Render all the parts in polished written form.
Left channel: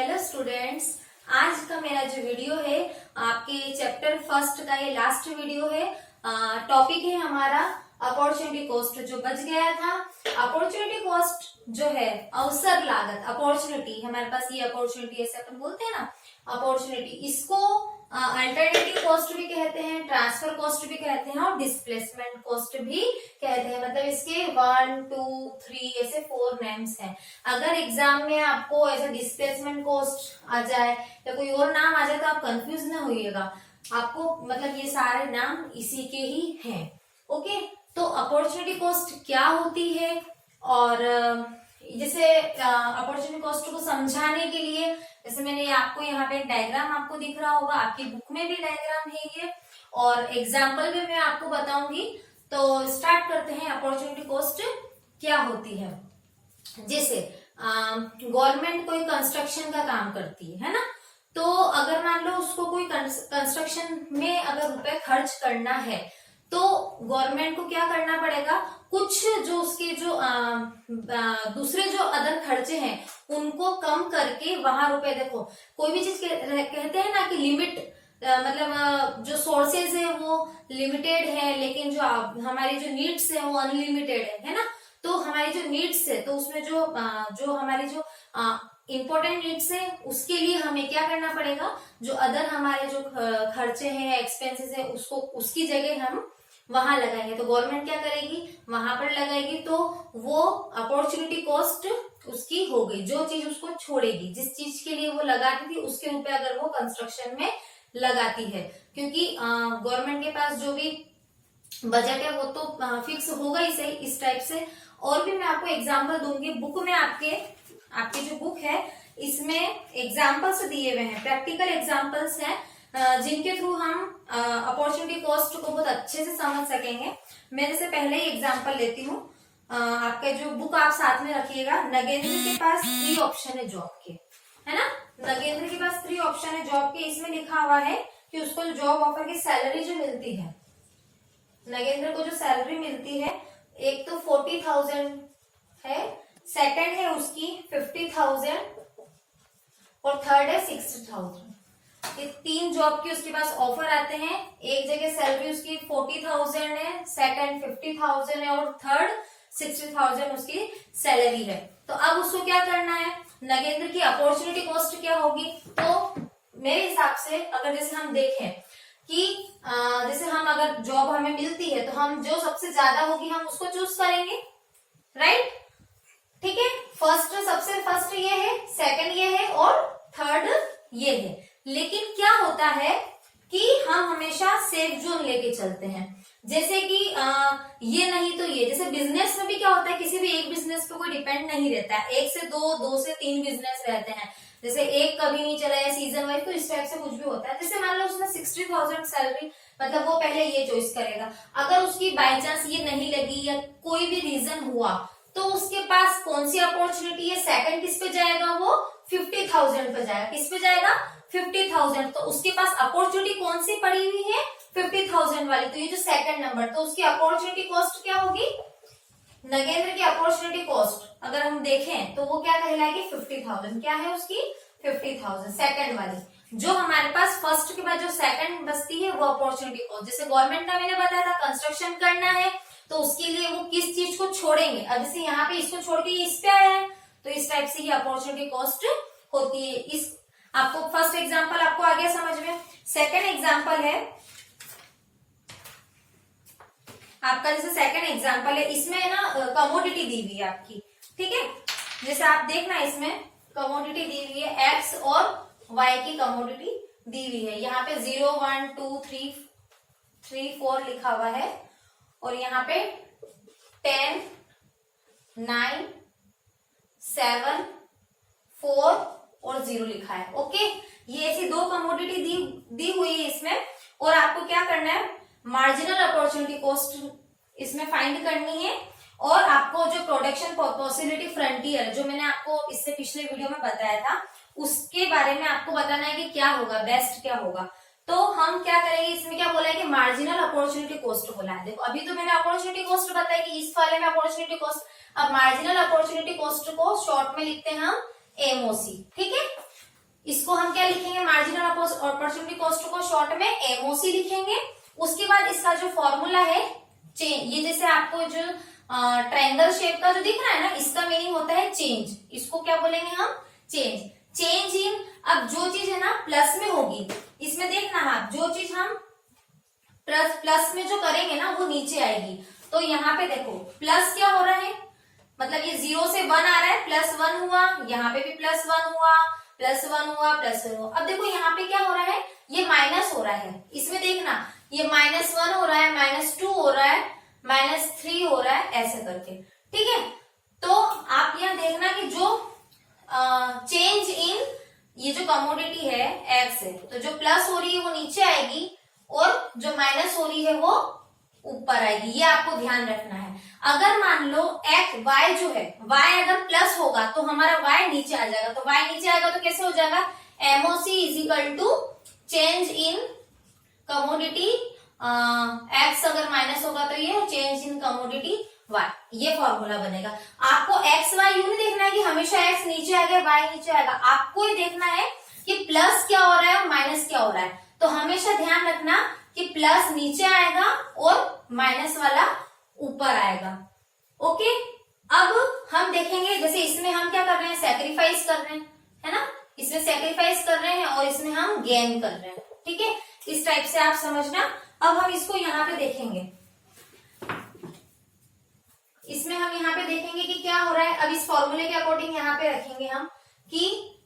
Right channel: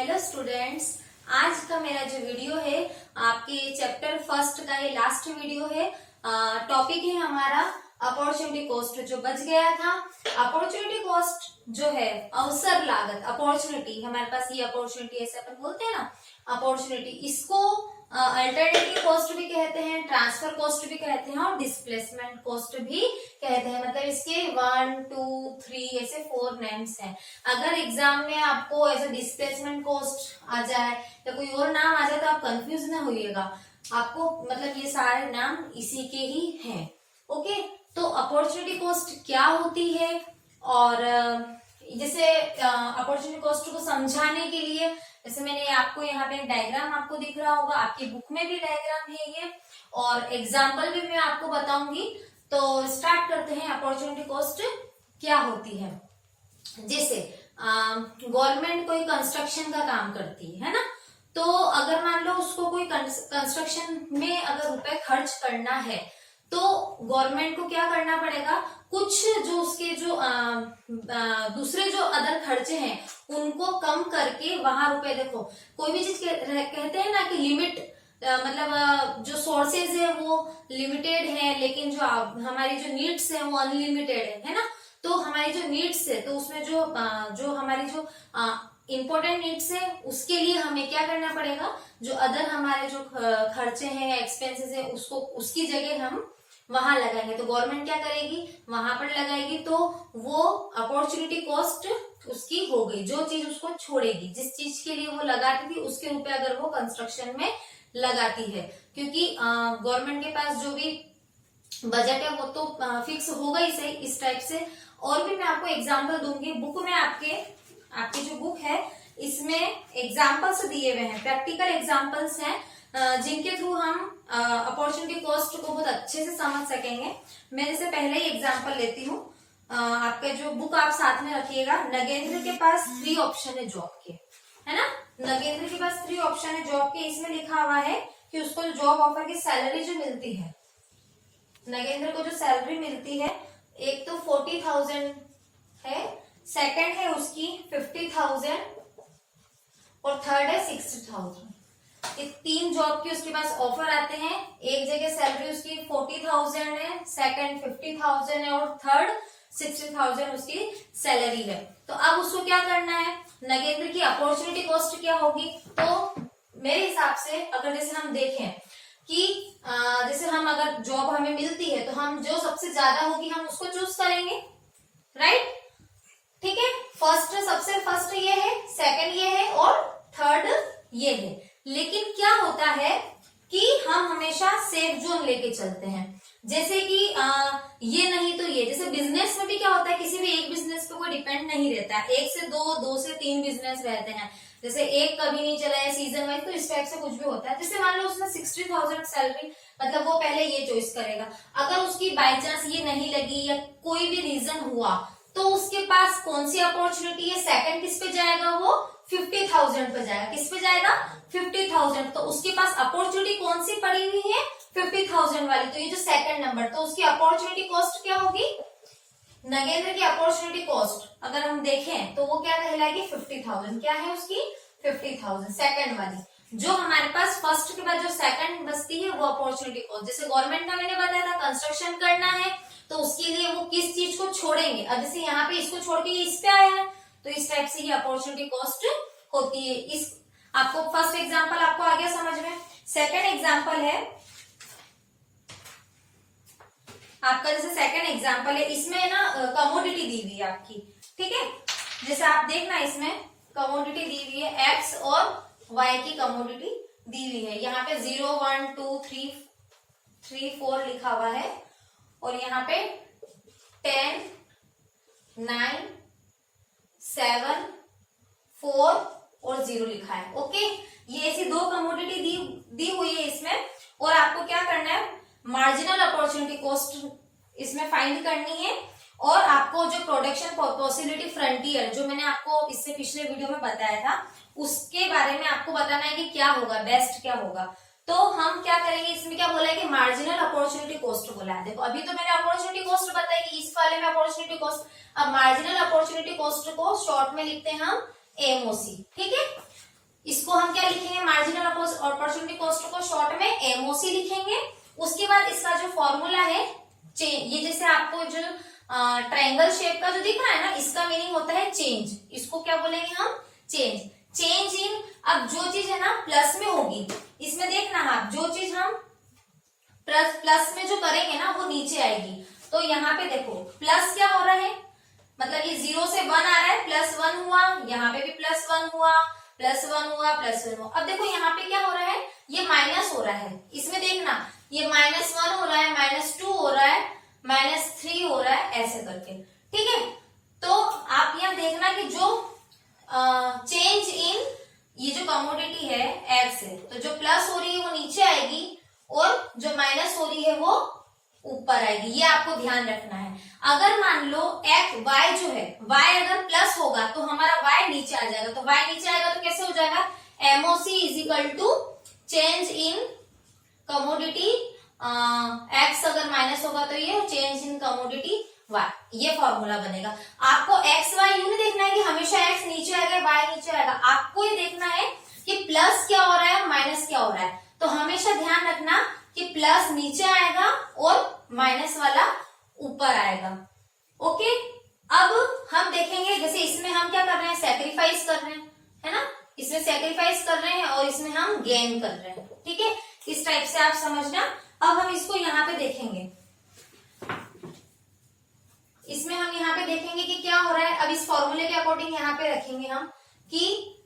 Hello students, आज का मेरा जो वीडियो है आपके चैप्टर फर्स्ट का ये लास्ट वीडियो है। टॉपिक है हमारा अपॉर्चुनिटी कॉस्ट। जो बच गया था, अपॉर्चुनिटी कॉस्ट जो है अवसर लागत, अपॉर्चुनिटी हमारे पास ये अपॉर्चुनिटी ऐसे अपन बोलते हैं ना, अपॉर्चुनिटी, इसको अल्टरनेटिव कॉस्ट भी कहते हैं, ट्रांसफर कॉस्ट भी कहते हैं और डिस्प्लेसमेंट कॉस्ट भी कहते हैं। मतलब इसके 1, 2, 3 ऐसे 4 नेम्स हैं। अगर एग्जाम में आपको ऐसा डिस्प्लेसमेंट कॉस्ट आ जाए या कोई और नाम आ जाए तो आप कंफ्यूज ना होइएगा, आपको मतलब ये सारे नाम इसी के ही हैं। ओके, तो अपॉर्चुनिटी कॉस्ट क्या होती है और जैसे अपॉर्चुनिटी कॉस्ट को समझाने के लिए जैसे मैंने आपको यहाँ पे डायग्राम आपको दिख रहा होगा, आपकी बुक में भी डायग्राम है ये, और एग्जाम्पल भी मैं आपको बताऊंगी। तो स्टार्ट करते हैं, अपॉर्चुनिटी कॉस्ट क्या होती है। जैसे गवर्नमेंट कोई कंस्ट्रक्शन का काम करती है ना, तो अगर मान लो उसको कोई कंस्ट्रक्शन में अगर रुपए खर्च करना है तो गवर्नमेंट को क्या करना पड़ेगा, कुछ जो उसके जो दूसरे जो अदर खर्चे हैं उनको कम करके वहां रुपए, देखो कोई भी चीज कहते हैं ना कि लिमिट, मतलब जो सोर्सेज है वो लिमिटेड है लेकिन जो हमारी जो नीड्स है वो अनलिमिटेड है ना। तो हमारी जो नीड्स है तो उसमें जो हमारी जो इम्पोर्टेंट नीड्स है उसके लिए हमें क्या करना पड़ेगा, जो अदर हमारे जो खर्चे हैं, एक्सपेंसेस है, उसको उसकी जगह हम वहां लगाएंगे। तो गवर्नमेंट क्या करेगी, वहां पर लगाएगी, तो वो अपॉर्चुनिटी कॉस्ट उसकी हो गई। जो चीज उसको छोड़ेगी, जिस चीज के लिए वो लगाती थी उसके रुपए अगर वो कंस्ट्रक्शन में लगाती है, क्योंकि गवर्नमेंट के पास जो भी बजट है वो तो फिक्स होगा ही सही इस टाइप से। और भी मैं आपको एग्जाम्पल दूंगी, बुक में आपकी जो बुक है इसमें एग्जाम्पल्स दिए हुए हैं, प्रैक्टिकल एग्जाम्पल्स हैं जिनके थ्रू हम अपॉर्चुनिटी कॉस्ट को बहुत अच्छे से समझ सकेंगे। मैं जैसे पहले ही एग्जाम्पल लेती हूँ, आपके जो बुक आप साथ में रखिएगा। नगेंद्र के पास 3 ऑप्शन है जॉब के, है ना, नगेंद्र के पास 3 ऑप्शन है जॉब के। इसमें लिखा हुआ है कि उसको जॉब ऑफर की सैलरी जो मिलती है, नगेंद्र को जो सैलरी मिलती है, एक तो 40,000 है, सेकंड है उसकी 50,000 और थर्ड है 60,000। ये 3 जॉब की उसके पास ऑफर आते हैं। एक जगह सैलरी उसकी 40,000 है, सेकंड 50,000 है और थर्ड 60,000 उसकी सैलरी है। तो अब उसको क्या करना है, नगेंद्र की अपॉर्चुनिटी कॉस्ट क्या होगी। तो मेरे हिसाब से अगर जैसे हम देखें कि जैसे हम अगर जॉब हमें मिलती है तो हम जो सबसे ज्यादा होगी हम उसको चूज करेंगे, राइट। ठीक है, सबसे फर्स्ट ये है, सेकंड ये है और थर्ड ये है। लेकिन क्या होता है कि हम हमेशा सेफ जोन लेके चलते हैं, जैसे कि ये नहीं तो ये। जैसे बिजनेस में भी क्या होता है, किसी भी एक बिजनेस पे कोई डिपेंड नहीं रहता है, 1 से 2, 2 से 3 बिजनेस रहते हैं। जैसे एक कभी नहीं चला है सीजन वाइज, तो इस टाइप से कुछ भी होता है। जैसे मान लो उसने 60,000 सैलरी, मतलब वो पहले ये चॉइस करेगा। अगर उसकी बाई चांस ये नहीं लगी या कोई भी रीजन हुआ तो उसके पास कौन सी अपॉर्चुनिटी है, सेकंड किस पे जाएगा, वो 50,000 पे जाएगा। किस पे जाएगा, 50,000। तो उसके पास अपॉर्चुनिटी कौन सी पड़ी हुई है, 50,000 वाली। तो ये जो सेकंड नंबर, तो उसकी अपॉर्चुनिटी कॉस्ट क्या होगी, नगेंद्र की अपॉर्चुनिटी कॉस्ट अगर हम देखें तो वो क्या कहलाएगी, 50,000। क्या है उसकी, 50,000 सेकंड वाली। जो हमारे पास फर्स्ट के बाद जो सेकंड बचती है वो अपॉर्चुनिटी कॉस्ट। जैसे गवर्नमेंट का मैंने बताया था कंस्ट्रक्शन करना है तो उसके लिए वो किस चीज को छोड़ेंगे। अब जैसे यहाँ पे इसको छोड़ के ये इस पे आया है तो इस टाइप से ये अपॉर्चुनिटी कॉस्ट होती है। इस आपको फर्स्ट एग्जांपल आपको आ गया समझ में। सेकंड एग्जांपल है आपका, जैसे सेकंड एग्जांपल है, इसमें ना कमोडिटी दी हुई है आपकी, ठीक है। जैसे आप देखना इसमें कमोडिटी दी हुई है, एक्स और वाई की कमोडिटी दी हुई है। यहाँ पे 0, 1, 2, 3, 4 लिखा हुआ है और यहाँ पे 10, 9, 7, 4 और 0 लिखा है। ओके, ये ऐसी 2 कमोडिटी दी हुई है इसमें। और आपको क्या करना है, मार्जिनल अपॉर्चुनिटी कॉस्ट इसमें फाइंड करनी है। और आपको जो प्रोडक्शन पॉसिबिलिटी फ्रंटियर, जो मैंने आपको इससे पिछले वीडियो में बताया था, उसके बारे में आपको बताना है कि क्या होगा, बेस्ट क्या होगा। तो हम क्या करेंगे, इसमें क्या बोला है कि मार्जिनल अपॉर्चुनिटी कॉस्ट बोला है। देखो अभी तो मैंने अपॉर्चुनिटी कॉस्ट बताया कि इस वाले में अपॉर्चुनिटी कॉस्ट। अब मार्जिनल अपॉर्चुनिटी कॉस्ट को शॉर्ट में लिखते हैं हम एमओसी, ठीक है। इसको हम क्या लिखेंगे, मार्जिनल अपॉर्चुनिटी कॉस्ट को शॉर्ट में एमओसी लिखेंगे। उसके बाद इसका जो फॉर्मूला है ये जैसे आपको जो ट्रायंगल शेप का जो दिख रहा है ना, इसका मीनिंग होता है चेंज। इसको क्या बोलेंगे हम, चेंज। चेंज इन, अब जो चीज है ना प्लस में होगी, इसमें देखना आप, जो चीज हम प्लस में जो करेंगे ना वो नीचे आएगी। तो यहाँ पे देखो प्लस क्या हो रहा है, मतलब ये 0 से 1 आ रहा है, +1 हुआ, यहाँ पे भी +1 हुआ, +1 हुआ, +1 हुआ। अब देखो यहाँ पे क्या हो रहा है, ये माइनस हो रहा है। इसमें देखना ये -1 हो रहा है, -2 हो रहा है, -3 हो रहा है, ऐसे करके। ठीक है, तो आप यहाँ देखना कि जो चेंज इन ये जो कमोडिटी है एक्स है, तो जो प्लस हो रही है वो नीचे आएगी और जो माइनस हो रही है वो ऊपर आएगी। ये आपको ध्यान रखना है। अगर मान लो वाई जो है, वाई अगर प्लस होगा तो हमारा वाई नीचे आ जाएगा। तो वाई नीचे आएगा तो कैसे हो जाएगा, MOC = change in commodity. X अगर माइनस होगा तो ये चेंज इन कमोडिटी वाई, ये फॉर्मूला बनेगा। आपको एक्स वाई यू नहीं देखना है कि हमेशा एक्स नीचे आ गया वाई नीचे आएगा, आपको ये देखना है कि प्लस क्या हो रहा है और माइनस क्या हो रहा है। तो हमेशा ध्यान रखना कि प्लस नीचे आएगा और माइनस वाला ऊपर आएगा। ओके, अब हम देखेंगे जैसे इसमें हम क्या कर रहे हैं, सेक्रीफाइस कर रहे हैं, है ना, इसमें सेक्रीफाइस कर रहे हैं और इसमें हम गेन कर रहे हैं। ठीक है, इस टाइप से आप समझना। अब हम इसको यहाँ पे देखेंगे, इसमें हम यहाँ पे देखेंगे कि क्या हो रहा है। अब इस फॉर्मूले के अकॉर्डिंग यहाँ पे रखेंगे हम कि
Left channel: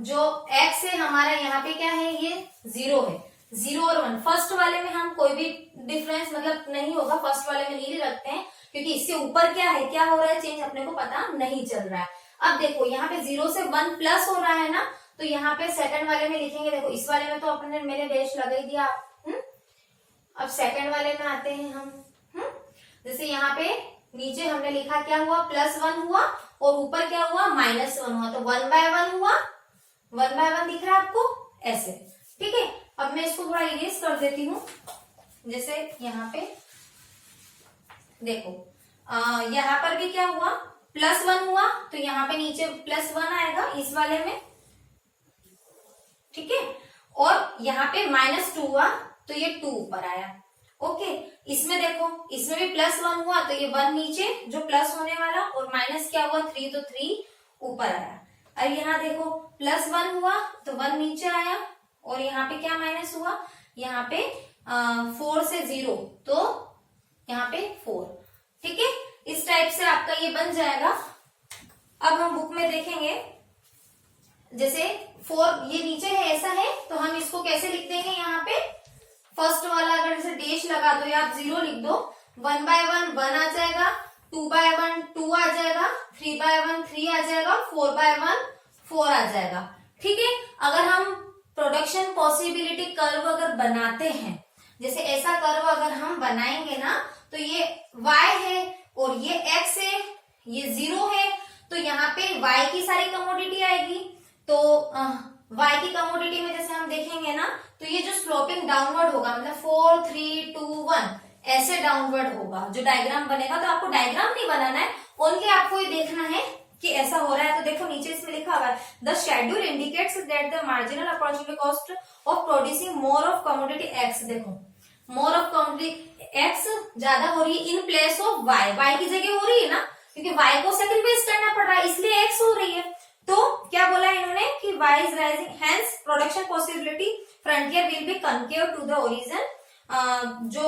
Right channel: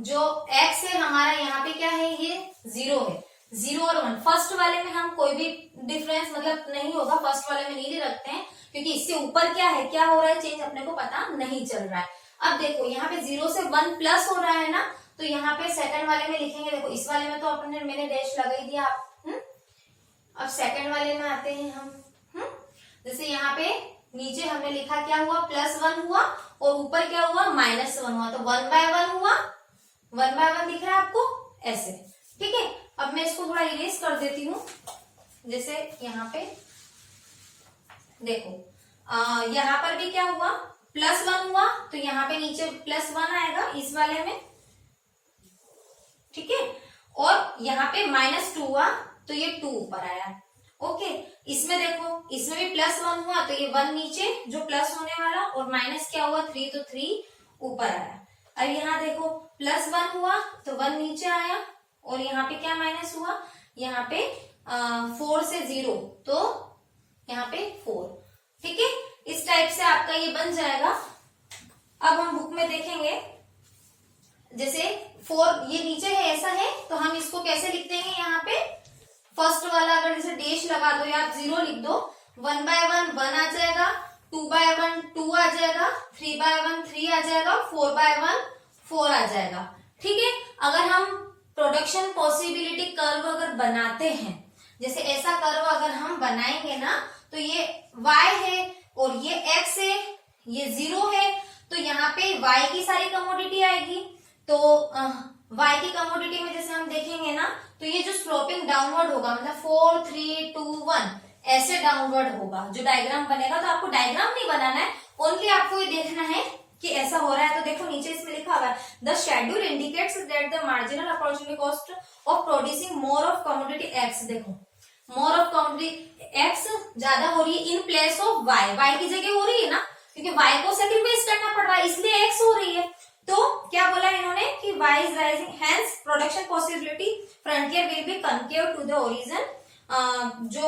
जो x है हमारा यहाँ पे क्या है, ये 0 है, 0 और 1। फर्स्ट वाले में हम कोई भी डिफरेंस मतलब नहीं होगा, फर्स्ट वाले में नहीं रखते हैं क्योंकि इससे ऊपर क्या है, क्या हो रहा है चेंज अपने को पता नहीं चल रहा है। अब देखो यहाँ पे 0 से 1 प्लस हो रहा है ना, तो यहाँ पे सेकंड वाले में लिखेंगे। देखो इस वाले में तो अपने मैंने डैश लगा ही दिया। अब सेकंड वाले में आते हैं हम। जैसे यहाँ पे नीचे हमने लिखा क्या हुआ, +1 हुआ और ऊपर क्या हुआ, -1 हुआ, तो 1/1 हुआ, 1/1 दिख रहा है आपको ऐसे। ठीक है, अब मैं इसको थोड़ा इरेज कर देती हूँ। जैसे यहाँ पे देखो यहाँ पर भी क्या हुआ, +1 हुआ, तो यहाँ पे नीचे +1 आएगा इस वाले में। ठीक है, और यहाँ पे -2 हुआ तो ये 2 ऊपर आया। ओके, इसमें देखो इसमें भी +1 हुआ तो ये 1 नीचे जो प्लस होने वाला, और माइनस क्या हुआ 3, तो 3 ऊपर आया। अब यहाँ देखो +1 हुआ तो 1 नीचे आया, और यहाँ पे क्या माइनस हुआ, यहाँ पे 4 से 0 तो यहाँ पे 4। ठीक है, इस टाइप से आपका ये बन जाएगा। अब हम बुक में देखेंगे, जैसे 4 ये नीचे है ऐसा है, तो हम इसको कैसे लिख देंगे, यहाँ पे फर्स्ट वाला अगर जैसे डैश लगा दो या आप 0 लिख दो, 1/1 1 आ जाएगा, 2/1 2 आ जाएगा, 3/1 3 आ जाएगा, 4/1 4 आ जाएगा। ठीक है, अगर हम प्रोडक्शन पॉसिबिलिटी कर्व अगर बनाते हैं, जैसे ऐसा कर्व अगर हम बनाएंगे ना, तो ये y है और ये x है, ये 0 है, तो यहाँ पे y की सारी कमोडिटी आएगी। तो y की कमोडिटी में जैसे हम देखेंगे ना, तो ये जो स्लोपिंग डाउनवर्ड होगा, मतलब 4 3 2 1 ऐसे डाउनवर्ड होगा जो डायग्राम बनेगा। तो आपको डायग्राम नहीं बनाना है, ओनली आपको ये देखना है कि ऐसा हो रहा है। तो देखो नीचे इसमें लिखा हुआ है, the schedule indicates that the marginal opportunity cost of producing more of commodity X. देखो मोर ऑफ कमोडिटी एक्स ज्यादा हो रही है in place of Y, Y की जगह हो रही है ना, क्योंकि वाई को सेक्रीफाइस करना पड़ रहा है, इसलिए एक्स हो रही है। तो क्या बोला इन्होंने कि y is rising, hence production possibility frontier will be concave to the origin. जो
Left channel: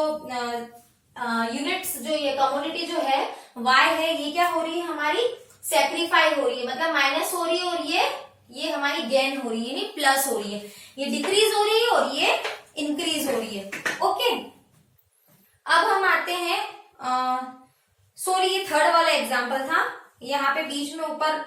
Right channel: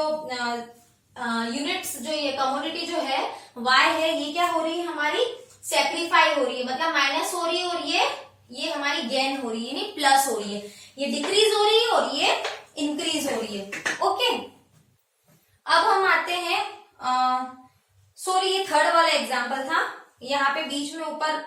यूनिट्स जो ये कमोडिटी जो है y है, ये क्या हो रही है हमारी, सेक्रीफाई हो रही है, मतलब माइनस हो रही है, और ये हमारी गेन हो रही है, नहीं प्लस हो रही है, ये डिक्रीज हो रही है और ये इंक्रीज हो रही है। ओके, अब हम आते हैं, सॉरी ये थर्ड वाला एग्जाम्पल था, यहाँ पे बीच में ऊपर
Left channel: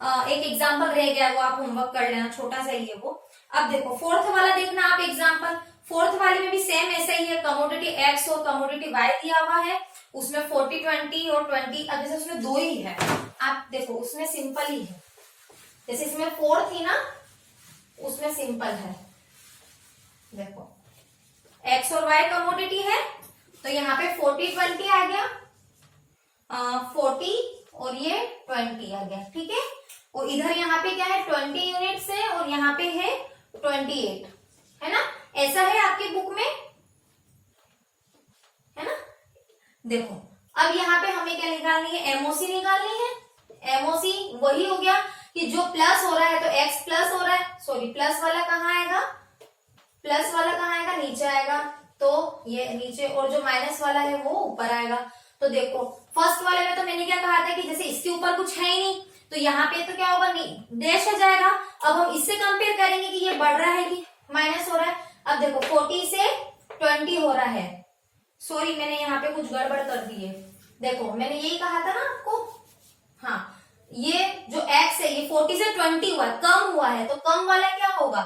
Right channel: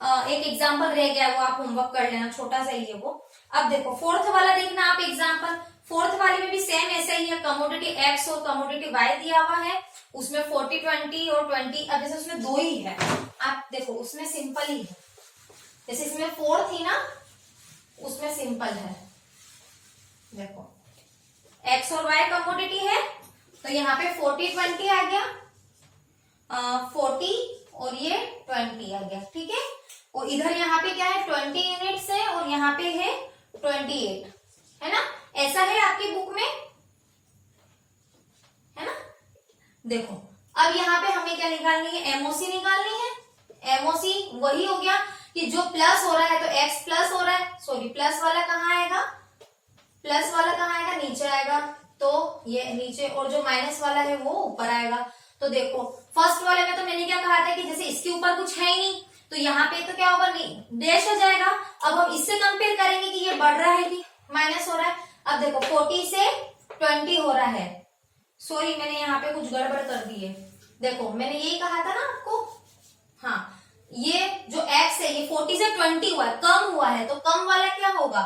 एक एग्जाम्पल रह गया, वो आप होमवर्क कर लेना, छोटा सा ही है वो। अब देखो फोर्थ वाला देखना आप एग्जाम्पल, फोर्थ वाले में भी सेम ऐसा ही है, कमोडिटी एक्स और कमोडिटी वाई दिया हुआ है, उसमें 40 20 और 20। अब जैसे उसमें 2 ही है, आप देखो उसमें सिंपल ही है, जैसे इसमें 4 थी ना, उसमें सिंपल है। देखो एक्स और वाई कमोडिटी है, तो यहाँ पे 40 20 आ गया, 40 और ये 20 आ गया। ठीक है, और इधर यहाँ पे क्या है 20 यूनिट्स है और यहाँ पे है 28, है ना, ऐसा है आपकी बुक में, है ना। देखो अब यहाँ पे हमें क्या निकालनी है, एमओसी निकालनी है। एमओसी वही हो गया कि जो प्लस हो रहा है तो एक्स प्लस हो रहा है, सॉरी प्लस वाला कहाँ आएगा, प्लस वाला कहाँ आएगा, नीचे आएगा, तो ये नीचे, और जो माइनस वाला है वो ऊपर आएगा। तो देखो फर्स्ट वाले में तो मैंने क्या कहा था कि जैसे इसके ऊपर कुछ है ही नहीं, तो यहाँ पे तो क्या होगा, डैश हो जाएगा। अब हम इससे कंपेयर करेंगे कि ये बढ़ रहा है कि माइनस हो रहा है। अब देखो 40 से 20 हो रहा है, सॉरी मैंने यहाँ पे कुछ गड़बड़ कर दी है। देखो मैंने यही कहा था ना आपको, हाँ ये जो x है ये 40 से 20 हुआ है, कम हुआ है, तो कम वाला क्या होगा,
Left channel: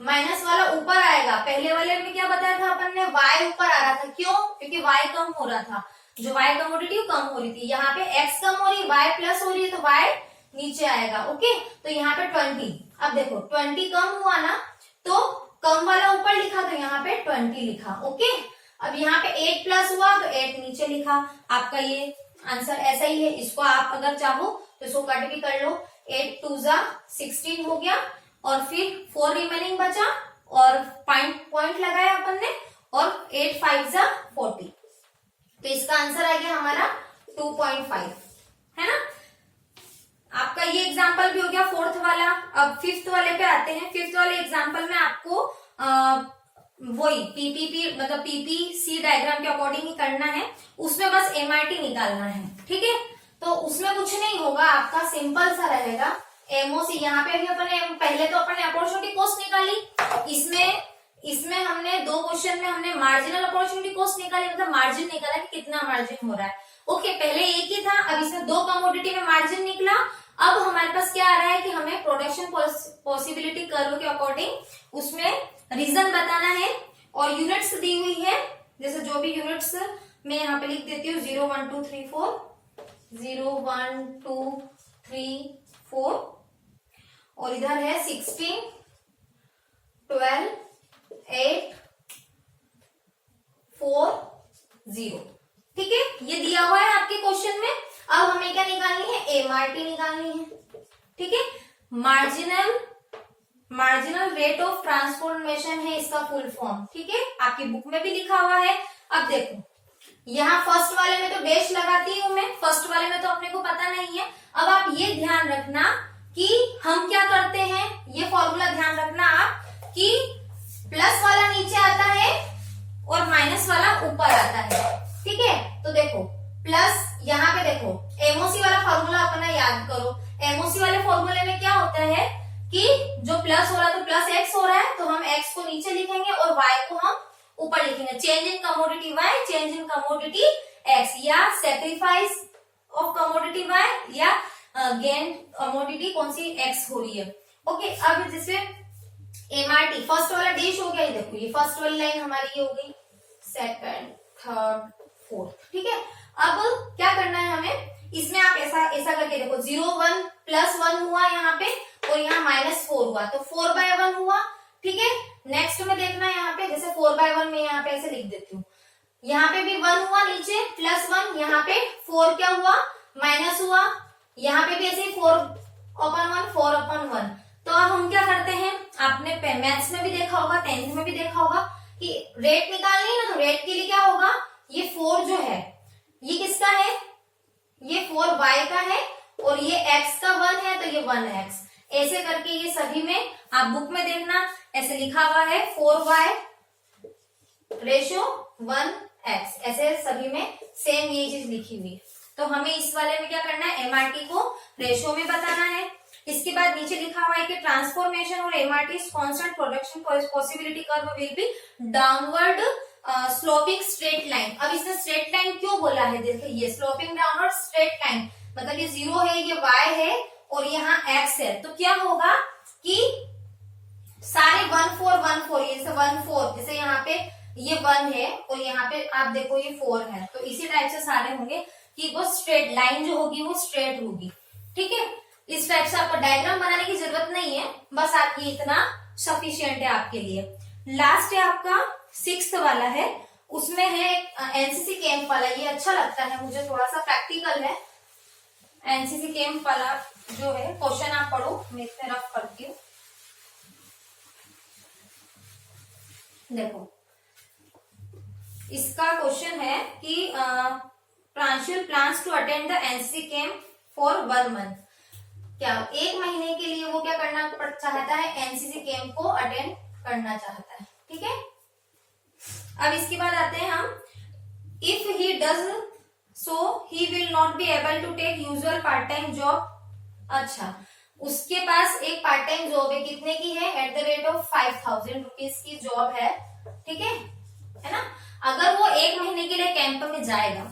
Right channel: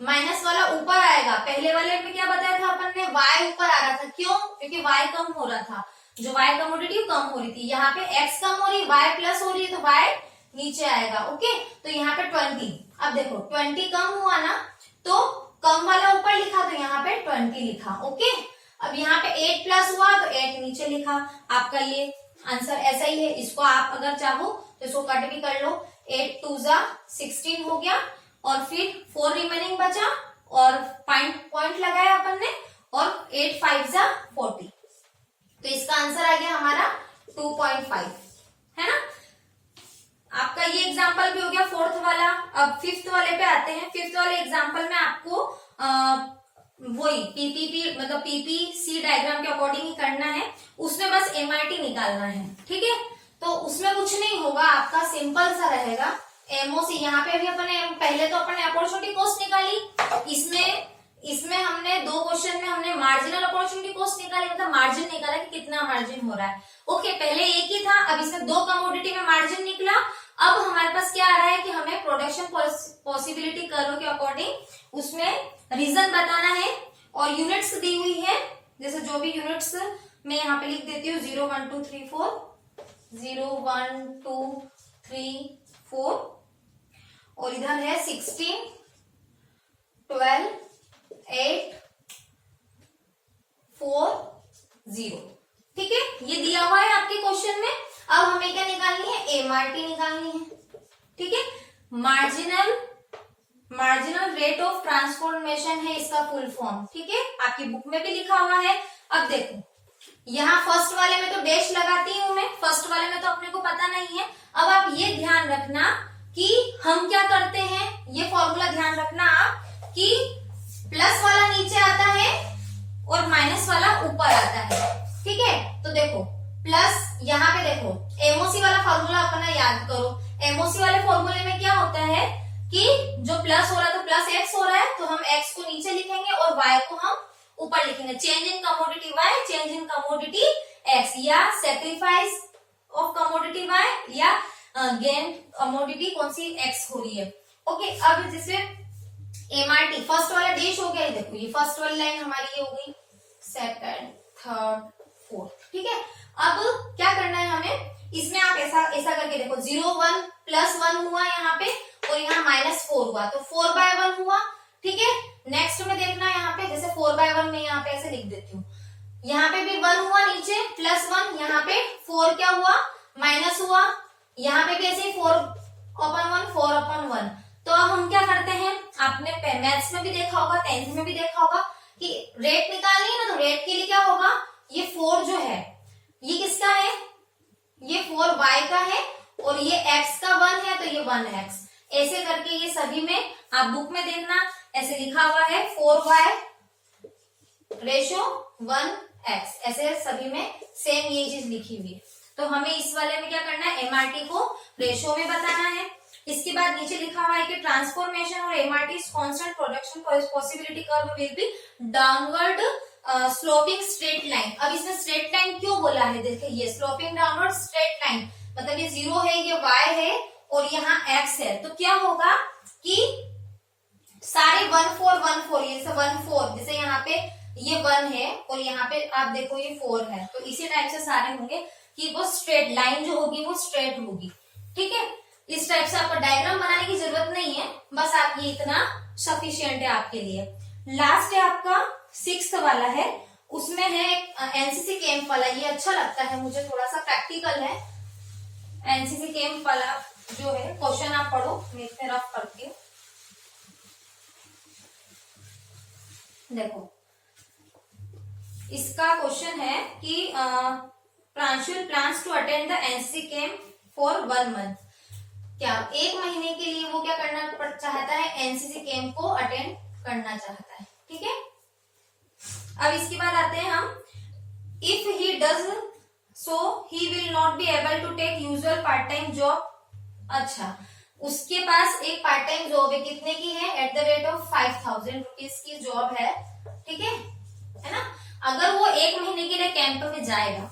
माइनस वाला ऊपर आएगा। पहले वाले में क्या बताया था अपन ने, y ऊपर आ रहा था, क्यों, क्योंकि y कम हो रहा था, जो y कमोडिटी कम हो रही थी। यहाँ पे x कम हो रही है, y प्लस हो रही है, तो y नीचे आएगा। ओके, तो यहाँ पे 20, अब देखो 20 कम हुआ ना, तो कम वाला ऊपर लिखा तो यहाँ पे 20 लिखा। ओके, अब यहाँ पे 8 प्लस हुआ तो 8 नीचे लिखा। आपका ये आंसर ऐसा ही है। इसको आप अगर चाहो तो इसको कट भी कर लो, 8 2 जा 16 हो गया, और फिर 4 रिमेनिंग बचा, और पॉइंट लगाया अपन ने, और 8 5 जा 40, तो इसका आंसर आ गया हमारा 2.5, है ना। आपका ये एग्जाम्पल भी हो गया फोर्थ वाला। अब फिफ्थ वाले पे आते हैं। फिफ्थ वाले एग्जाम्पल में आपको वही पीपीपी मतलब पीपीसी डायग्राम के अकॉर्डिंग ही करना है, उसमें बस एमआरटी निकालना है, ठीक है। तो उसमें कुछ नहीं होगा, आपका सिंपल सा रहेगा। एमओसी यहाँ पे अभी अपने पहले तो अपने अपॉर्चुनिटी कॉस्ट निकाली, इसमें हमने 2 क्वेश्चन में हमने मार्जिनल अपॉर्चुनिटी कॉस्ट निकाली, मतलब मार्जिन निकाला कि कितना मार्जिन हो रहा है। ओके, पहले एक ही था, अब इसमें 2 कमोडिटी में मार्जिन निकला। अब हमारे पास क्या आ रहा है कि हमें प्रोडक्शन पॉसिबिलिटी कर्व के अकॉर्डिंग उसमें रीजन बताना है, और यूनिट्स दी हुई है, जैसे जो भी यूनिट्स मैं यहाँ पे लिख देती हूँ 0 1 2 3 4, 0 1 2 3 4, और इधर है 16 12 8 4 0, ठीक है, ये दिया हुआ है आपके क्वेश्चन में। अब हमें क्या निकालनी है, एमआरटी निकालनी है, ठीक है। मार्जिनल रेट ऑफ ट्रांसफॉर्मेशन है इसका फुल फॉर्म, ठीक है, आपकी बुक में भी लिखा हुआ है। अब देखो यहाँ फर्स्ट वाले में तो डैश लगाती हूं मैं, फर्स्ट वाले में तो अपने को पता नहीं है। अब आप ये ध्यान रखना कि हम क्या करते हैं, ये फॉर्मूला ध्यान रखना आप कि प्लस वाला नीचे आता है और माइनस वाला ऊपर आता है, ठीक है। तो देखो प्लस, यहाँ पे देखो एमओसी वाला फॉर्मूला अपना याद करो। एमओसी वाले फॉर्मूले में क्या होता है कि जो प्लस हो रहा है तो प्लस एक्स हो रहा है, तो हम एक्स को नीचे लिखेंगे और वाई को हम ऊपर लिखेंगे। Change in commodity Y, change in commodity X, या सेक्रीफाइस ऑफ कमोडिटी वाई, या गेन कमोडिटी कौन सी एक्स हो रही है। ओके, अब जैसे एमआरटी फर्स्ट वाला डैश हो गया, ये देखो ये फर्स्ट वाली लाइन हमारी ये हो गई, सेकंड थर्ड फोर्थ, ठीक है। अब क्या करना है हमें, इसमें आप ऐसा करके देखो 0 1 प्लस 1 हुआ यहाँ पे, और यहाँ -4 हुआ, तो 4/1 हुआ, ठीक है। नेक्स्ट में देखना यहाँ पे, जैसे 4/1 में यहाँ पे ऐसे लिख देती हूँ, यहाँ पे भी 1 हुआ नीचे +1, यहाँ पे 4 क्या हुआ, माइनस हुआ, यहाँ पे भी ऐसे 4/1 4/1। तो अब हम क्या करते हैं, आपने मैथ्स में भी देखा होगा, 10th में भी देखा होगा कि रेट निकालनी है ना, तो रेट के लिए क्या होगा, ये 4 जो है ये किसका है, ये 4y का है, और ये x का 1 है, तो ये 1x, ऐसे करके ये सभी में आप बुक में देखना ऐसे लिखा हुआ है 4y रेशो 1x, ऐसे सभी में सेम ये चीज लिखी हुई है। तो हमें इस वाले में क्या करना है, एमआरटी को रेशो में बताना है। इसके बाद नीचे लिखा हुआ है कि ट्रांसफॉर्मेशन और MRT constant production possibility curve will be downward sloping straight line. अब इसने स्ट्रेट लाइन क्यों बोला है, देखिए ये स्लोपिंग डाउनवर्ड स्ट्रेट लाइन, मतलब ये 0 है, ये y है, और यहाँ x है, तो क्या होगा कि सारे 1 4 1 4, ये 1 4, जैसे यहाँ पे ये 1 है और यहाँ पे आप देखो ये 4 है, तो इसी टाइप से सारे होंगे कि वो स्ट्रेट लाइन जो होगी वो स्ट्रेट होगी, ठीक है। इस टाइप से आपको डायग्राम बनाने की जरूरत नहीं है, बस आप ये इतना सफिशियंट है आपके लिए। लास्ट है आपका 6th वाला है, उसमें है एनसीसी कैंप वाला, ये अच्छा लगता है मुझे, थोड़ा सा प्रैक्टिकल है। एनसीसी कैंप वाला जो है क्वेश्चन आप पढ़ो, मैं इतने रफ करती हूँ। देखो इसका क्वेश्चन है कि Pranshul plans to attend the NCC camp for 1 month. क्या 1 महीने के लिए वो क्या करना चाहता है, एनसीसी कैंप को अटेंड करना चाहता है। ठीक है, अब इसके बाद आते हैं हम, if he does so he will not be able to take usual part time job. अच्छा, उसके पास एक पार्ट टाइम जॉब है, कितने की है, at the rate of 5000 rupees की जॉब है। ठीक है ना। अगर वो 1 महीने के लिए कैंप में जाएगा,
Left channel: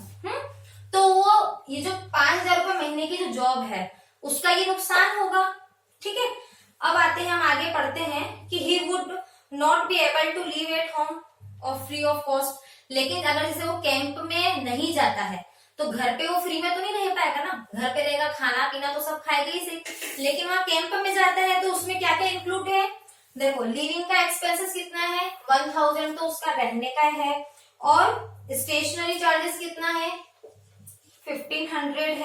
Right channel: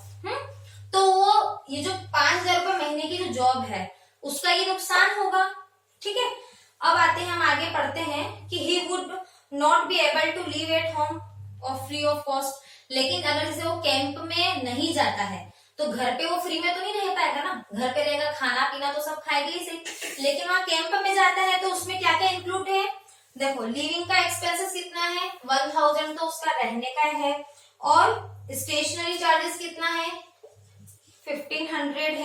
तो वो ये जो 5000 रुपए महीने की जो जॉब है उसका ये नुकसान होगा। ठीक है, अब आते हैं हम आगे पढ़ते हैं कि he would not be able to live at home और फ्री ऑफ कॉस्ट। लेकिन अगर जैसे वो कैंप में नहीं जाता है तो घर पे वो फ्री में तो नहीं रह पाएगा ना, घर पे रहेगा, खाना पीना तो सब खाएगा ही सही। लेकिन वहां कैंप में जाता है तो उसमें क्या क्या इंक्लूड है, देखो लिविंग का एक्सपेंसेस कितना है, 1000 तो उसका रहने का है, और स्टेशनरी चार्जेस कितना है, 1500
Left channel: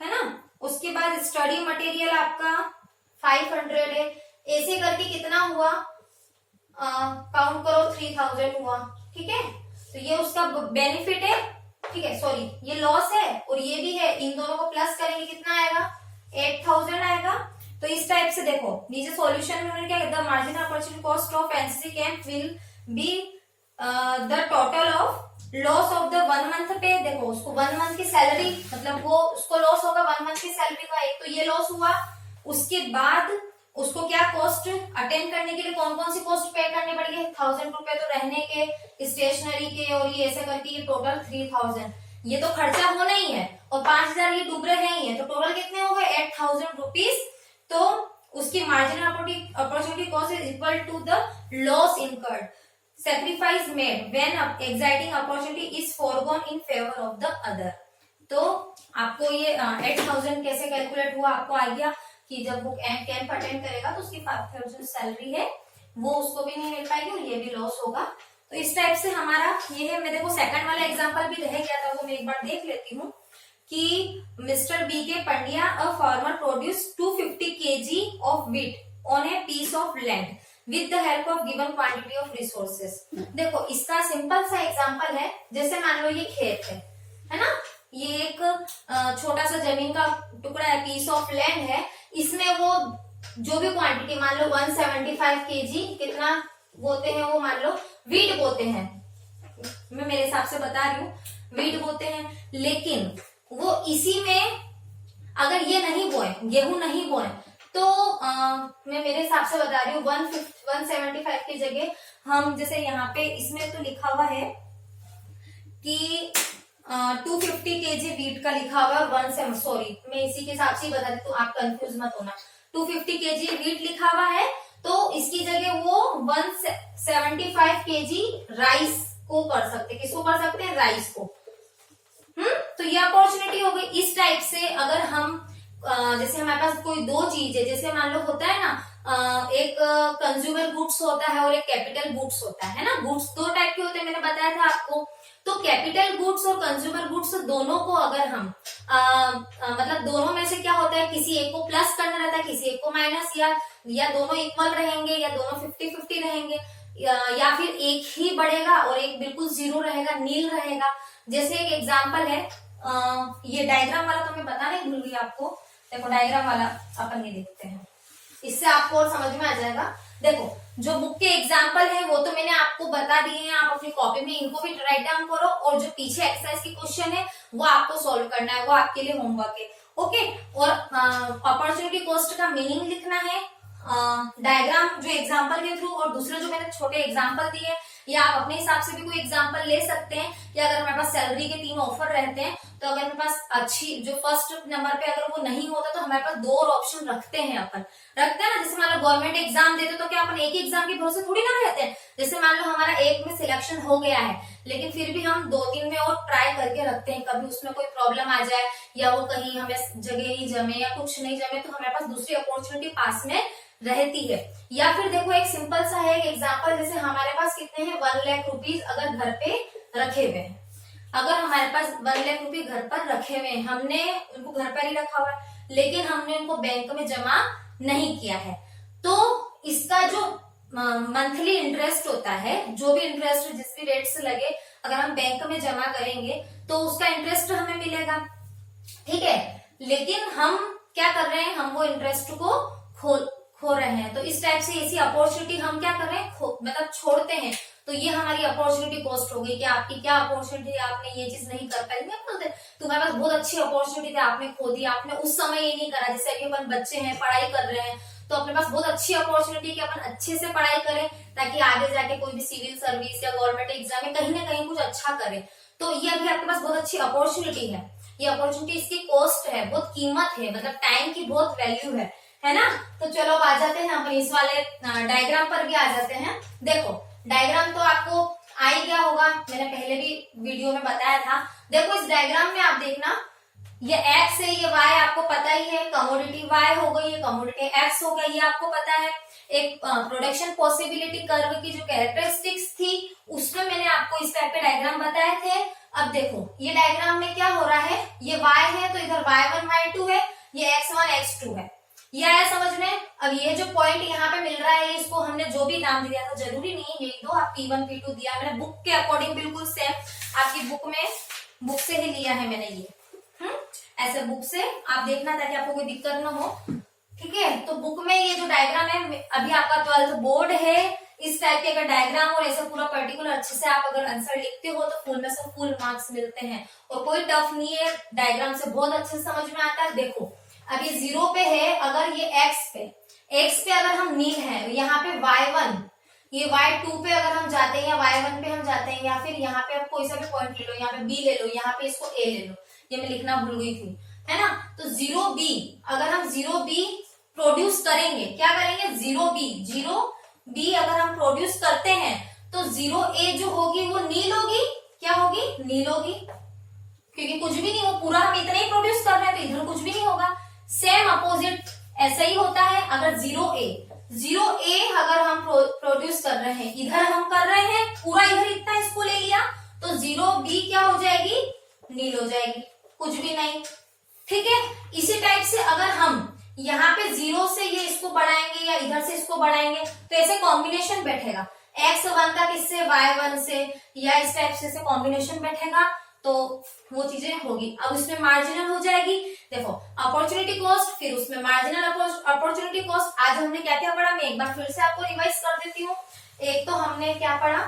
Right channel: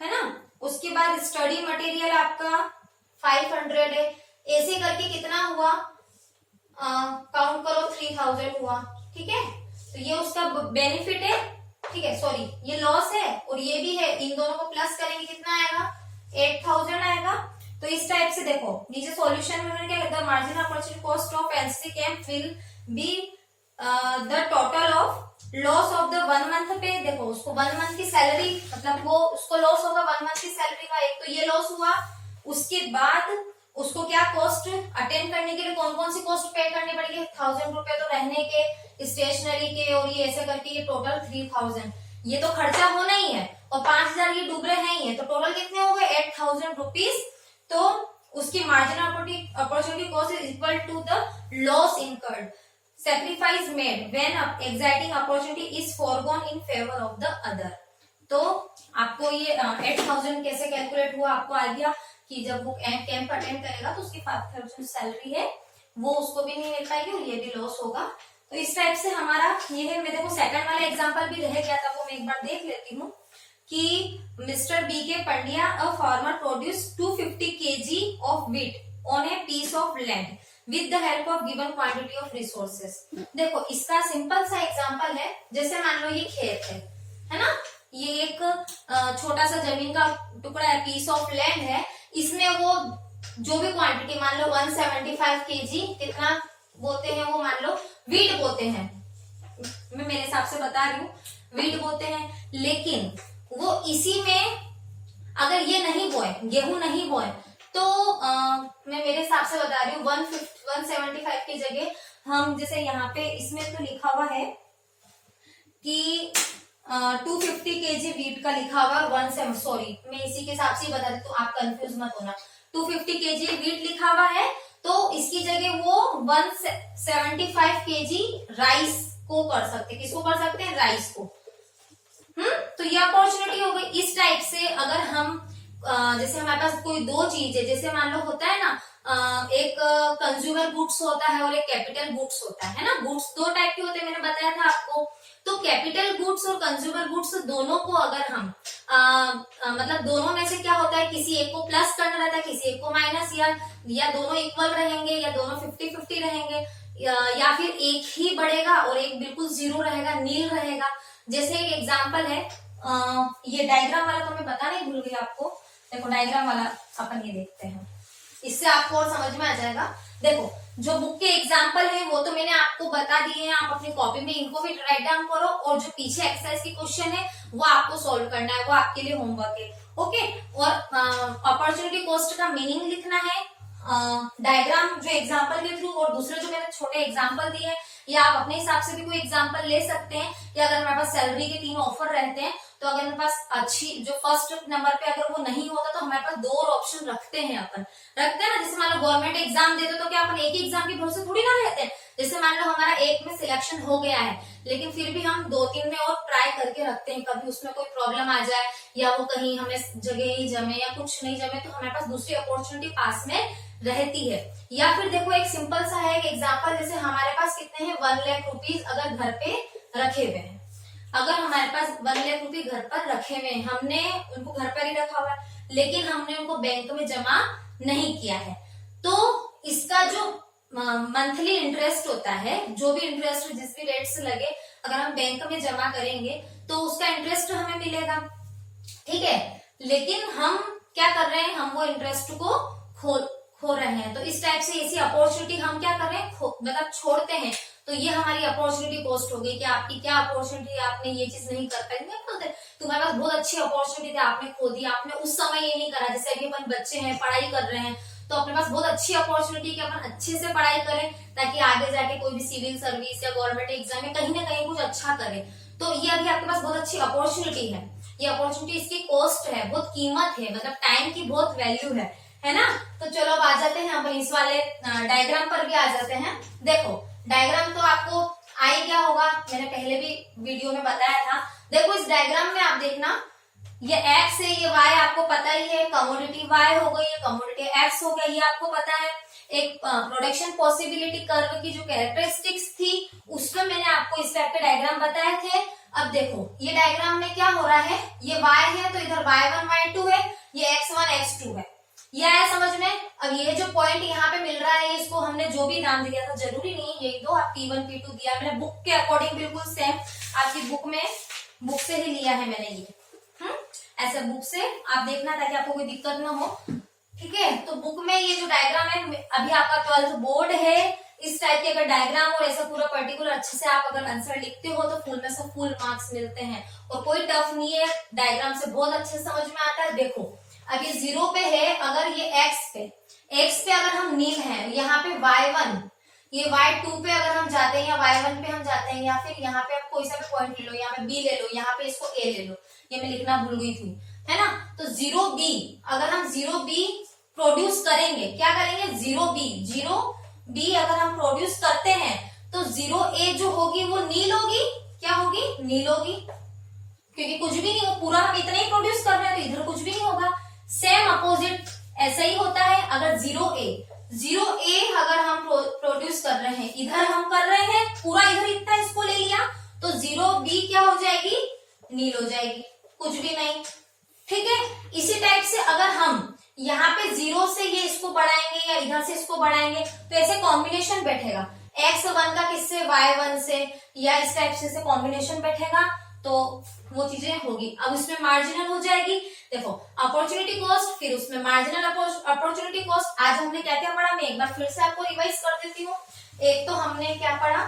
है ना। उसके बाद स्टडी मटेरियल आपका 500 है। ऐसे करके कितना हुआ, काउंट करो 3000 हुआ। ठीक है, तो ये उसका बेनिफिट है। ठीक है, सॉरी ये लॉस है और ये भी है, इन दोनों को प्लस करेंगे कितना आएगा, 8000 आएगा। तो इस टाइप से देखो नीचे सॉल्यूशन में क्या कहता है, marginal opportunity cost of NCC camp will be the total of loss of the 1 month पे। देखो उसको 1 मंथ की सैलरी, मतलब वो उसको लॉस होगा 1 मंथ की सैलरी का, एक तो ये लॉस हुआ। उसके बाद उसको क्या कॉस्ट, अटेंड करने के लिए कौन कौन सी कॉस्ट पे करनी पड़ेगी, 1000 रुपए तो रहने के, स्टेशनरी के, और ये ऐसे करके ये टोटल 3000, ये तो खर्चा होना ही है, और 5000 ये डूब रहे हैं, तो टोटल कितने हो गए, 8000 रुपीज। तो उसकी marginal opportunity cost is equal to the loss incurred, sacrifice made when exciting opportunity is foregone in favor of the other। तो आपको ये 8000 कैसे कैलकुलेट हुआ, आपको आइडिया कि जब वो कैंप अटेंड करेगा तो उसकी 5000 सैलरी है वो उसको भी नहीं मिल पाएगी और ये भी लॉस होगा। तो इस टाइप से हमारा ये है। मेरे को सेकंड वाला एग्जांपल भी रह गया था, वो मैं एक बार देख लेती हूँ कि mister B K Pandya a farmer produce 250 kg of wheat on a piece of land with the help of given quantity of resources. देखो इसका सिंपल सा एग्जांपल है, जैसे मान लो ये खेत है ना, ये एक छोटा सा जमीन का टुकड़ा है, पीस ऑफ लैंड है, इसमें वो जो भी क्वांटिटी मान लो 175 kg कितना बोते हैं, वो मान लो वीट बोते हैं, मैं मेरे हिसाब से बता रही हूँ, वीट बोते हैं। लेकिन वो इसी में अगर ये नहीं बोए, गेहूं नहीं बोए, तो मैं मेरे हिसाब से बता रही हूँ 175 की जगह हम, जैसे यहाँ पे इसमें तो लिखा हुआ है कि 250 kg वीट का लिखा हुआ है, सॉरी मैं इसी के हिसाब से बता दी तो आप कंफ्यूज मत होना, 250 kg वीट लिखा हुआ है, तो इसकी जगह वो 175 kg राइस को कर सकते, किसको कर सकते हैं, राइस को। तो ये अपॉर्चुनिटी हो गई। इस टाइप से अगर हम जैसे हमारे पास कोई दो चीज है, जैसे मान लो होता है ना, एक कंज्यूमर गुड्स होता है और एक कैपिटल गुड्स होता है ना, गुड्स दो टाइप के होते हैं, मैंने बताया था आपको। तो कैपिटल गुड्स और कंज्यूमर गुड्स दोनों को अगर हम मतलब दोनों में से क्या होता है, किसी एक को प्लस करना रहता है, किसी एक को माइनस, या दोनों इक्वल रहेंगे, या दोनों 50-50 रहेंगे, या फिर एक ही बढ़ेगा और एक बिल्कुल जीरो रहेगा, नील रहेगा। जैसे एक एग्जाम्पल है, ये डायग्राम वाला तो मैं बताना ही भूल गई आपको। देखो डायग्राम वाला अपन ये देखते हैं, इससे आपको और समझ में आ जाएगा। देखो जो बुक के एग्जाम्पल है वो तो मैंने आपको बता दिए हैं, आप अपनी कॉपी में इनको भी राइट डाउन करो, और जो पीछे एक्सरसाइज की क्वेश्चन है वो आपको सॉल्व करना है, वो आपके लिए होमवर्क है। ओके, और अपॉर्चुनिटी कॉस्ट का मीनिंग लिखना है, डायग्राम जो एग्जाम्पल के थ्रू, और दूसरे जो मैंने छोटे एग्जाम्पल दिए, या आप अपने हिसाब से भी कोई एग्जाम्पल ले सकते हैं। या अगर हमारे पास सैलरी के 3 ऑफर रहते हैं, तो अगर हमारे पास अच्छी जो फर्स्ट नंबर पे अगर वो नहीं होता, तो हमारे पास 2 और ऑप्शन रखते हैं अपन, रखते हैं ना। जैसे मान लो गवर्नमेंट एग्जाम देते तो क्या अपन एक ही एग्जाम के भरोसे थोड़ी ना रहते हैं। जैसे मान लो हमारा एक में सिलेक्शन हो गया है, लेकिन फिर भी हम 2-3 में और ट्राई करके रखते हैं, कभी उसमें कोई प्रॉब्लम आ जाए, या वो कहीं हमें जगह ही जमे या कुछ नहीं जमे, तो हमारे पास दूसरी अपॉर्चुनिटी पास में रहती है। या फिर देखो एक सिंपल सा है एक एग्जाम्पल, जैसे हमारे पास कितने हैं 1 लाख रुपीज अगर घर पे रखे हुए हैं, अगर हमारे पास 1 लाख रुपए घर पर रखे हुए हैं, हमने उनको घर पर ही रखा हुआ है, लेकिन हमने उनको बैंक में जमा नहीं किया है, तो इसका जो मंथली इंटरेस्ट होता है, जो भी इंटरेस्ट जिस भी रेट से लगे अगर हम बैंक में जमा करेंगे तो उसका इंटरेस्ट हमें मिलेगा, ठीक है। लेकिन हम क्या कर रहे हैं, हम वो इंटरेस्ट को खो रहे हैं। तो इस टाइप से ऐसी अपॉर्चुनिटी हम क्या कर रहे हैं, मतलब छोड़ते हैं। तो ये हमारी अपॉर्चुनिटी कॉस्ट होगी कि आपकी क्या अपॉर्चुनिटी, आपने ये चीज नहीं कर पाई। बोलते तुम्हारे पास बहुत अच्छी अपॉर्चुनिटी थी, आपने खो दी, आपने उस समय ये नहीं करा। जैसे अभी अपन बच्चे हैं, पढ़ाई कर रहे हैं, तो अपने पास बहुत अच्छी अपॉर्चुनिटी कि अपन अच्छे से पढ़ाई करें ताकि आगे जाके कोई भी सिविल सर्विस या गवर्नमेंट एग्जाम में कहीं ना कहीं कुछ अच्छा करें। तो ये अभी आपके पास बहुत अच्छी अपॉर्चुनिटी है। ये अपॉर्चुनिटी, इसकी कॉस्ट है, बहुत कीमत है, मतलब टाइम की बहुत वैल्यू है ना। तो चलो अब आ जाते हैं अपन इस वाले डायग्राम पर भी आ जाते हैं। देखो डायग्राम तो आपको आ ही गया होगा, मैंने पहले भी वीडियो में बताया था। देखो इस डायग्राम में आप देखना, ये एक्स है, ये वाई आपको पता ही है, कमोडिटी वाई हो गई, ये कमोडिटी एक्स हो गया, ये आपको पता है। एक प्रोडक्शन पॉसिबिलिटी कर्व की जो कैरेक्टरिस्टिक्स थी उसमें मैंने आपको इस टाइप के डायग्राम बताए थे। अब देखो ये डायग्राम में क्या हो रहा है, ये y है तो इधर y1 y2 है, ये x1 x2 है। ये आया समझ में। अब ये जो पॉइंट यहाँ पे मिल रहा है, इसको हमने जो भी नाम दिया था, जरूरी नहीं है यही दो, आप P1 P2 दिया मैंने बुक के अकॉर्डिंग, बिल्कुल सेम आपकी बुक से ही लिया है मैंने ये। ऐसे बुक से आप देखना ताकि आपको कोई दिक्कत ना हो, ठीक है। तो बुक में ये जो डायग्राम है, अभी आपका 12th बोर्ड है, इस टाइप के अगर डायग्राम और ऐसा पूरा पर्टिकुलर अच्छे से आप अगर आंसर लिखते हो तो फुल में से फुल मार्क्स मिलते हैं। और कोई टफ नहीं है, डायग्राम से बहुत अच्छे से समझ में आता है। देखो अब ये 0 पे है, अगर ये x पे अगर हम नील है, यहाँ पे y1, ये y2 पे अगर हम जाते हैं या y1 पे हम जाते हैं, या फिर यहाँ पे आप कोई सा भी पॉइंट ले लो, यहाँ पे b ले लो, यहाँ पे इसको a ले लो, ये मैं लिखना भूल गई थी, है ना। तो 0b, अगर हम 0b प्रोड्यूस करेंगे, क्या करेंगे, 0b अगर हम प्रोड्यूस करते हैं तो 0a जो होगी वो नील होगी, क्या होगी, नील होगी, क्योंकि कुछ भी नहीं हो, पूरा हम इतना ही प्रोड्यूस कर रहे हैं तो इधर कुछ भी नहीं होगा। सेम अपोजिट ऐसा ही होता है, अगर 0a अगर हम प्रोड्यूस कर रहे हैं, इधर हम कर रहे हैं पूरा, इधर इतना इसको ले लिया, तो 0b क्या हो जाएगी, नील हो जाएगी, कुछ भी नहीं, ठीक है। इसी टाइप से अगर हम यहाँ पे 0 से ये इसको बढ़ाएंगे या इधर से इसको बढ़ाएंगे तो ऐसे कॉम्बिनेशन बैठेगा, x1 का किससे, y1 से, या इस टाइप से कॉम्बिनेशन बैठेगा, तो वो चीजें होगी। अब उसमें मार्जिनल हो जाएगी। देखो अपॉर्चुनिटी कॉस्ट, फिर उसमें मार्जिनल अपॉर्चुनिटी कॉस्ट। आज हमने क्या क्या पढ़ा, मैं एक बार फिर से आपको रिवाइज कर देती हूँ। एक तो हमने क्या पढ़ा,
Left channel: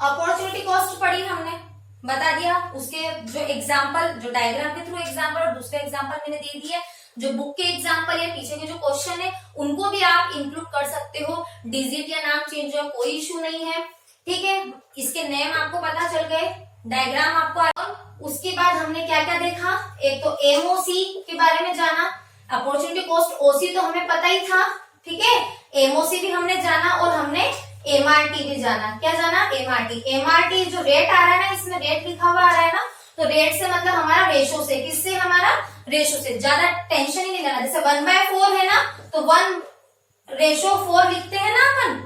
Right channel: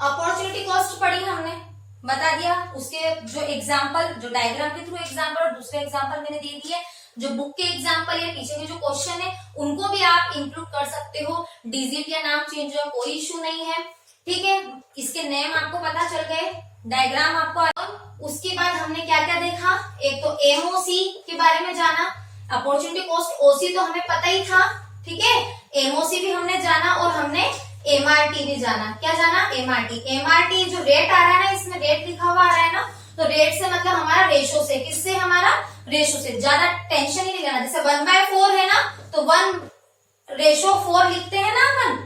अपॉर्चुनिटी कॉस्ट पढ़ी हमने, बता दिया। उसके जो एग्जाम्पल, जो डायग्राम के थ्रू एग्जाम्पल और दूसरे एग्जाम्पल मैंने दे दिए। जो बुक के एग्जाम्पल या पीछे के जो क्वेश्चन है उनको भी आप इंक्लूड कर सकते हो, डिजिट या नाम चेंज हो, कोई इश्यू नहीं है, ठीक है। इसके नेम आपको पता चल गए, डायग्राम आपको। उसके बाद हमने क्या क्या देखा, एक तो एमओसी के बारे में जाना, अपॉर्चुनिटी कॉस्ट, ओसी तो हमें पता ही था, ठीक है। एमओसी भी हमने जाना और हमने एमआरटी भी जाना। क्या जाना, एमआरटी जो रेट आ रहा है ना, इसमें रेट लिखा हुआ आ रहा है ना, तो रेट से मतलब हमारा रेशो से, किससे, हमारा रेशो से। ज्यादा टेंशन ही नहीं लेना, जैसे 1/4 है ना, तो 1:4 लिखते हैं ना अपन,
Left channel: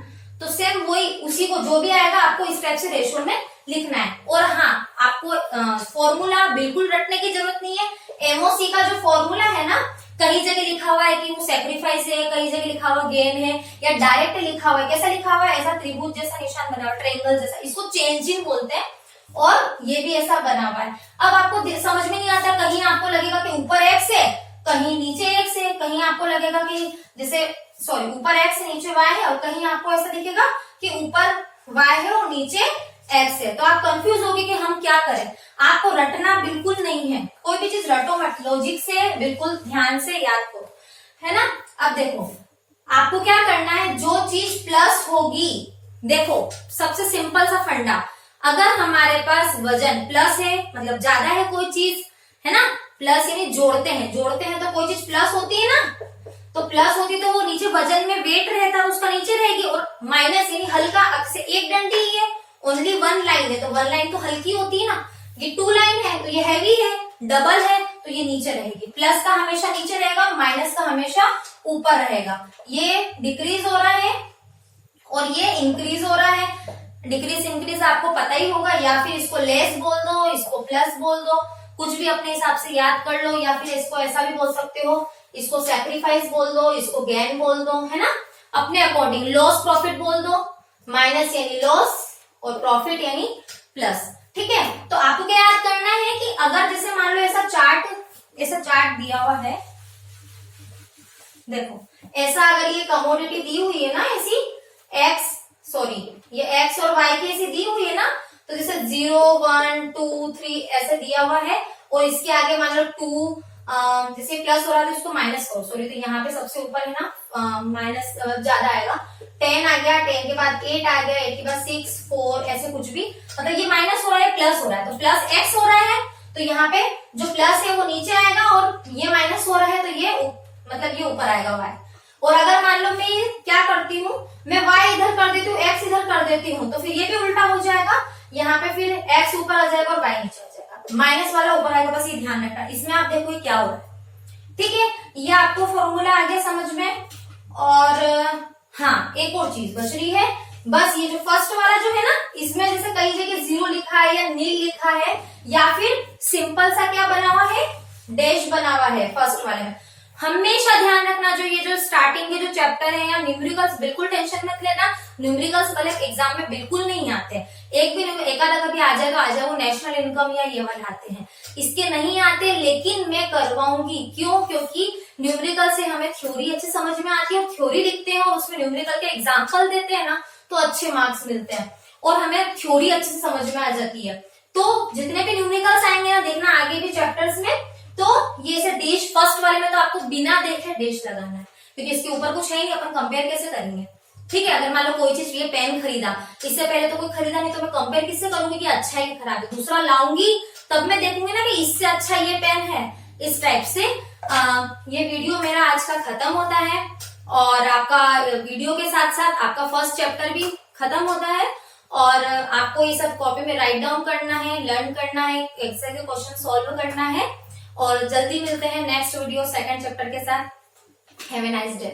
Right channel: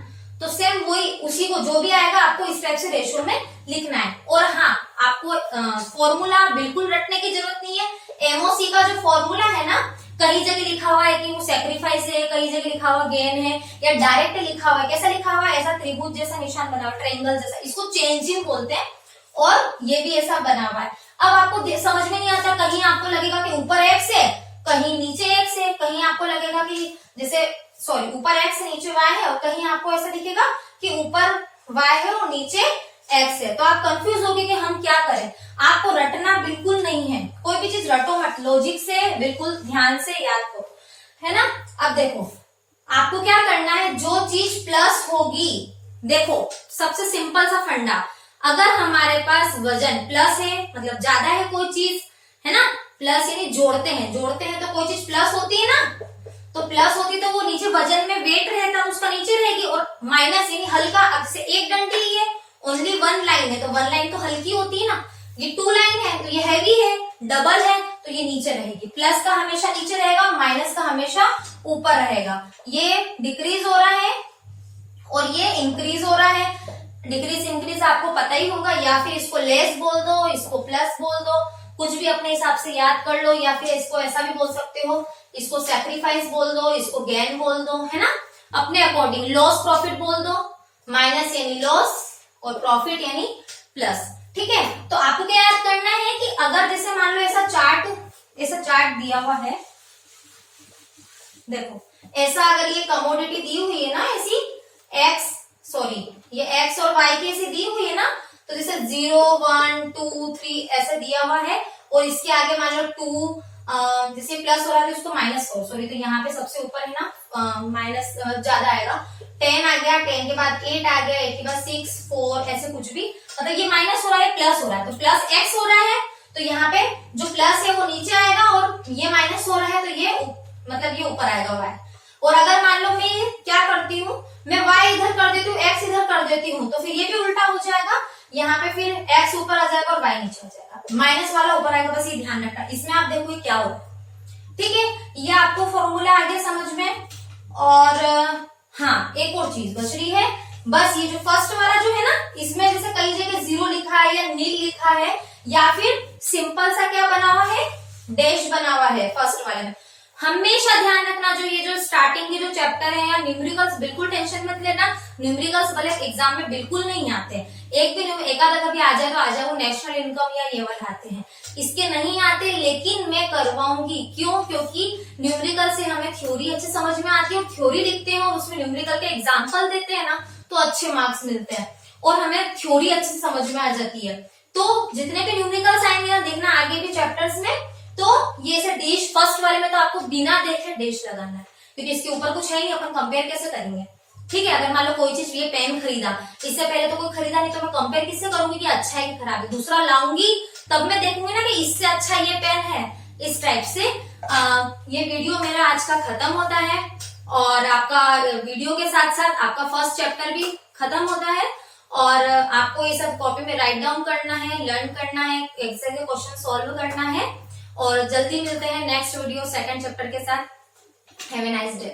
तो सेम वही, उसी को जो भी आएगा आपको इस टाइप से रेशो में लिखना है। और हाँ, आपको फॉर्मूला बिल्कुल रटने की जरूरत नहीं है। एमओसी का जो फॉर्मूला है ना, कहीं जगह लिखा हुआ है कि वो सेक्रीफाइस है, कहीं जगह लिखा हुआ गेन है, या डायरेक्ट लिखा हुआ है। कैसा लिखा हुआ है, ऐसा त्रिभुज जैसा निशान बना हुआ, ट्रायंगल जैसा, इसको चेंजिंग बोलते हैं। और ये भी ऐसा बना हुआ है। अब आपको समझ में नहीं आता, कहीं आपको लगेगा कि ऊपर x है, कहीं नीचे x है, कहीं आपको लगेगा कि जैसे ऊपर x है नीचे y है, और कहीं आपको ऐसा दिखेगा कि ऊपर y है और नीचे x है। तो आप कंफ्यूज होगे कि हम क्या करें। आपको रटना बिल्कुल नहीं है, कोई भी चीज रटो मत, लॉजिक से बिल्कुल ध्यान से याद करो, है ना। अब देखो आपको क्या करना है, जो चीज प्लस होगी, देखो सबसे सिंपल सा फंडा, अगर हमारे पास वजन प्लस है, मतलब ज्यादा है कोई चीज, है ना, प्लस यानी जोड़ते हैं तो कोई चीज प्लस होती है ना, तो प्लस होती तो वो नीचे वजन में वेट रहता है, उसका नीचे रहेगी। और माइनस यानी हल्का, अब से एक डंडी ही है, ओनली 1 लाइन है, तो 1 लाइन तो हल्की होती है ना, ये 2 लाइन है तो ये हैवी है, डबल है तो ये नीचे रहेगी। प्लस का हमेशा नीचे रहेगा, माइनस का हमेशा ऊपर रहेगा। ये डिक्रीज हो रहा है और ये इंक्रीज हो रहा है। डिक्रीज इंक्रीज आपको पता ही होगा, या फिर इसको लेस बोल दो, इसको प्लस बोल दो, कुछ भी अपने हिसाब से याद कर लो, या फिर इसको ऐसा भी बोल सकते हो, इसको सैक्रिफाइस बोल दो, इसको गेन बोल दो, है ना। अपने अकॉर्डिंग। लॉस प्रॉफिट बोल दो, माइनस यानी लॉस और प्रॉफिट यानी प्लस। ठीक है, तो आपको क्या याद करना है कि अगर जैसे मान लो ऐसा चार्ट दिया हुआ है, देखो ऐसा अगर ये कमोडिटी दी हुई है ना, ऐसी ये एक्स और वाई की ऐसी दी हुई है ना, तो जैसे 0 1 2 3 ऐसे दिया हुआ है और इसके आगे मान लो 2 जैसे प्लस हो रहा है तो इसको माइनस करो, सॉरी, तो यहाँ पे सबसे ऊपर है ना माइनस ज्यादा आएगा, 10 आ गया, 10 के बाद 8 आ गया, 8 के बाद 6 4 ऐसे कुछ भी, मतलब ये माइनस हो रहा है प्लस हो रहा है, तो प्लस एक्स हो रहा है, तो यहाँ पे जो प्लस है वो नीचे आएगा और ये माइनस हो रहा है तो ये मतलब ये ऊपर आएगा वाई। और अगर मान लो मैं क्या करती हूँ, मैं वाई इधर कर देती हूँ, एक्स इधर कर देती हूँ, तो फिर ये भी उल्टा हो जाएगा, यहाँ पे फिर एक्स ऊपर आ जाएगा और वाई नीचे आ जाएगा, माइनस वाला ऊपर आएगा, बस ये ध्यान रखना। इसमें आप देखो ये क्या हो रहा है। ठीक है, ये आपको फॉर्मूला आ गया समझ में। और हाँ, एक और चीज बच रही है, बस ये जो फर्स्ट वाला जो है ना, इसमें जैसे कई जगह 0 लिखा है या नील लिखा है या फिर सिंपल सा क्या बना हुआ है, डैश बना हुआ है फर्स्ट वाले में, हमेशा ध्यान रखना। जो ये जो स्टार्टिंग के जो चैप्टर है या न्यूमेरिकल्स, बिल्कुल टेंशन मत लेना, न्यूमेरिकल्स वाले एग्जाम में बिल्कुल नहीं आते, एक आधा कभी आ जाए तो आ जाए, वो नेशनल इनकम या ये वाले आते हैं, इसके नहीं आते, लेकिन मैं करवाऊंगी। क्यों? क्योंकि न्यूमेरिकल से हमें थ्योरी अच्छे समझ में आती है, और थ्योरी लिखते हैं और उसमें न्यूमेरिकल के एग्जाम्पल देते हैं ना, तो अच्छे मार्क्स मिलते हैं और हमें थ्योरी अच्छे से समझ में आ जाती है। तो जितने भी न्यूमेरिकल्स आएंगे ना, देखना आगे भी चैप्टर्स में, तो ये से डैश फर्स्ट वाले में तो आपको बिना देखे डैश लगाना है, क्योंकि इसके ऊपर कुछ है नहीं, अपन कंपेयर कैसे करेंगे। ठीक है, अगर मान लो कोई चीज, ये पेन खरीदा, इससे पहले तो कोई खरीदा नहीं, तो मैं कंपेयर किससे करूंगी कि अच्छा है कि खराब है, दूसरा लाऊंगी तब मैं देखूंगी ना कि इससे अच्छा ये पेन है। इस टाइप से ये वीडियो मेरा आज का खत्म होता है, और आपका वीडियो के साथ साथ आपका फर्स्ट चैप्टर भी खत्म होता है, और आपको ये सब कॉपी में राइट डाउन करना है, लर्न करना है, एक्सरसाइज के क्वेश्चन सॉल्व करना है, और जल्दी मिलते हैं नेक्स्ट वीडियो सेकंड चैप्टर के साथ। Have a nice day.